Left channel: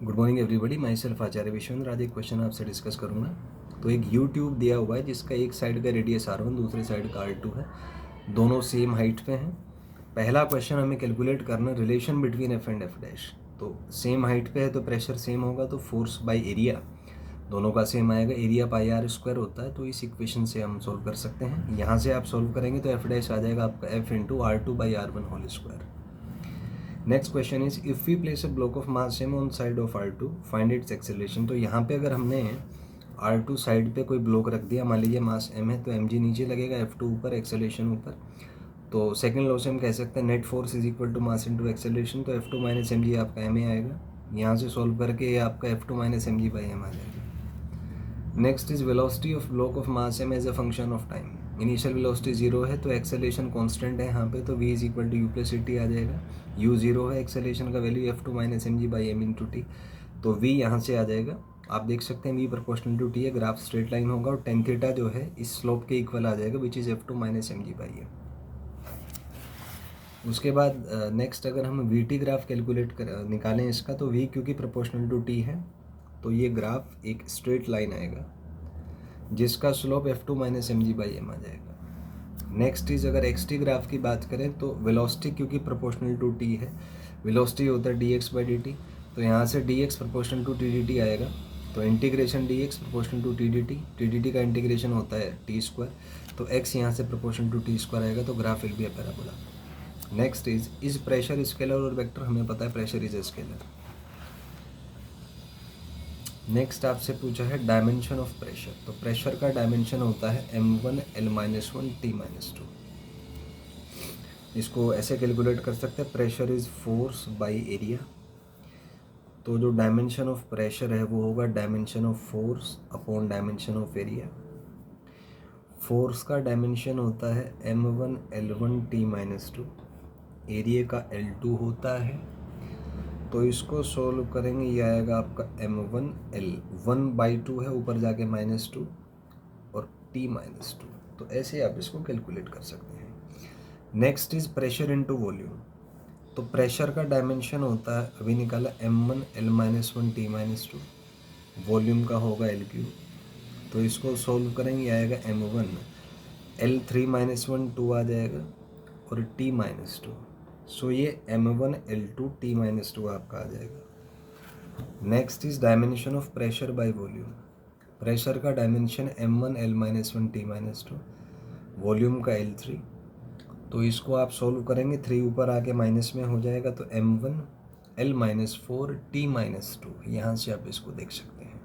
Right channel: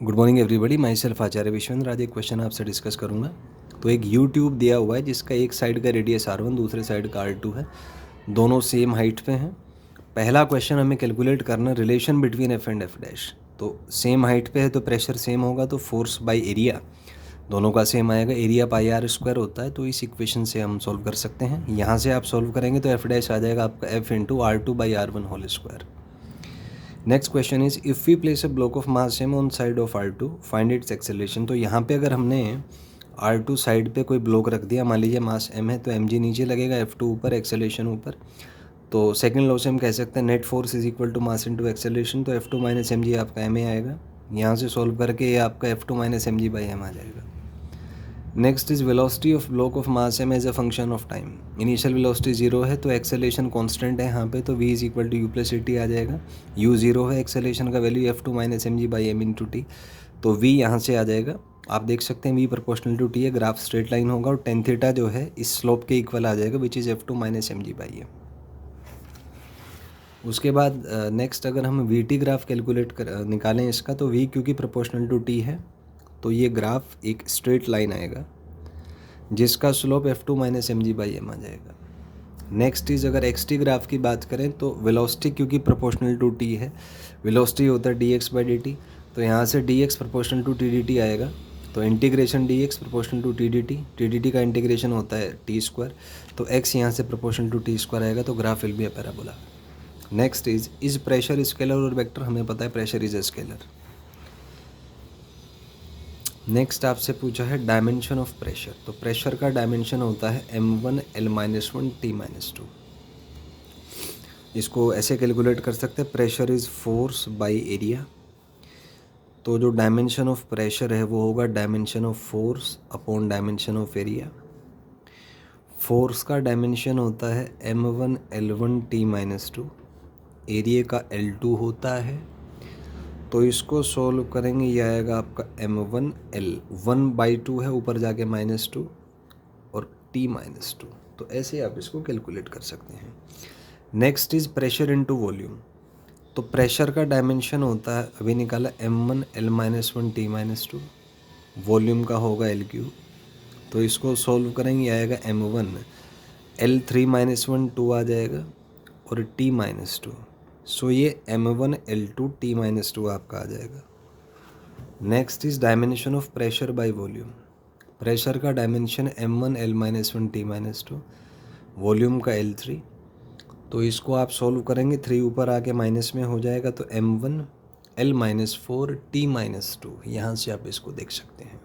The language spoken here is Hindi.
Good morning everybody, myself Acharya Vishvendra. आज एक क्वेश्चन आपसे डिस्कस करूंगा। तो एक यू ट्यूब दिया हुआ है जिसका एक साइड का रेडियस R1, दूसरे साइड का R2 है, दोनों सेम हाइट पे हैं। पहला क्वेश्चन हमें कैलकुलेट करना relation between F and F dash. तो सेम हाइट पे है तो प्रेशर सेम होगा, तो फोर्स बाई एरिया दोनों का सेम आएगा। एरिया पाई आर स्क्वायर होता है, तो इस इक्वेशन से हम सॉल्व कर सकते हैं। यहाँ से आप सॉल्व करेंगे तो एफ डैश आ जाएगा आपका F into R2/R1 whole square. Next question is if we place a block of mass m on side of R2 find its acceleration. तो यहाँ पे अगर हमने R2 साइड पे कोई ब्लॉक रख दिया, मान लीजिए मास m है, तो mg नीचे लगेगा, F2 ऊपर, एक्सेलरेशन ऊपर। तो सेकंड लॉ से हम कह सकते हैं net force is equal to mass into acceleration. तो F2 माइनस mg आपका ma आएगा। यहाँ से सॉल्व करके ये आपका F2 माइनस mg/m आ जाएगा। Next is velocity of block of mass m as a function of time. Initial velocity 0 है तो एक्सेलरेशन कांस्टेंट है यहाँ पे, तो v is equal to u+ct आ जाएगा। u 0 है, एक्सेलरेशन का value F2 minus mg/m into t, तो v यहाँ से आ जाएगा। आप देख सकते हैं v प्रोपोर्शनल टू टी है, ग्राफ स्ट्रेट लाइन होगा और टेन थीटा जो है इस स्लोप के इक्वल आ जाएगा, which is F2 minus mg/m। उसके बाद नेक्स्ट अगर हम वी टी ग्राफ कैलकुलेट निकालें इसका, तो v क्योंकि प्रोपोर्शनल टू टी है तो ये ग्राफ एक स्ट्रेट लाइन आएगा जिसका स्लोप F2 माइनस mg/m आ जाएगा। नेक्स्ट इज अगर एक्स टी ग्राफ की बात करें तो वेलोसिटी क्योंकि प्रोपोर्शनल टू टी है, वेलोसिटी होता है dx/dt, तो यहाँ से dx प्रोपोर्शनल टू टी आएगा। तो integration dx proportional to t का इंटीग्रेशन होता है t², तो x यहाँ से प्रोपोर्शनल टू t² आएगा, तो graph will be a parabola. Next is pressure scalar और वेक्टर। हमें पता है pressure is a scalar. Next आपसे पूछा है डायमेंशन ऑफ प्रेशर। तो प्रेशर का डायमेंशन होता है m1 L-1 T-2। इसको ऐसे कैलकुलेट कर सकते हैं, pressure is force by area. तो जो डायमेंशन ऑफ प्रेशर है वो होगा dimension of force upon dimension of area. Force का डायमेंशन होता है m1 L1 T-2, एरिया का L2 होता है। तो इसको सोल्व करेंगे, ये आएगा आपका m1 L 1/2 है, ऊपर जाके -2 और T-2। तो ऐसे आप इसको कैलकुलेट कर सकते हैं। Next is pressure into volume. तो प्रेशर का डायमेंशन होता है, अभी निकाला, m1 L-1 T-2, वॉल्यूम का होगा L3। तो इसको सोल्व करेंगे, आएगा m1 L3-1 2 आ जाएगा और T-2। सो ये m1 L2 T-2 आपका आ जाएगा। Next is dimension of pressure by volume. Pressure का dimension m1 L-1 T-2, volume का L3। तो इसको आप सॉल्व करेंगे, 3 ऊपर आके माइनस में हो जाएगा, तो m1 L-4 T-2। यहाँ से आप इसको देख सकते हैं।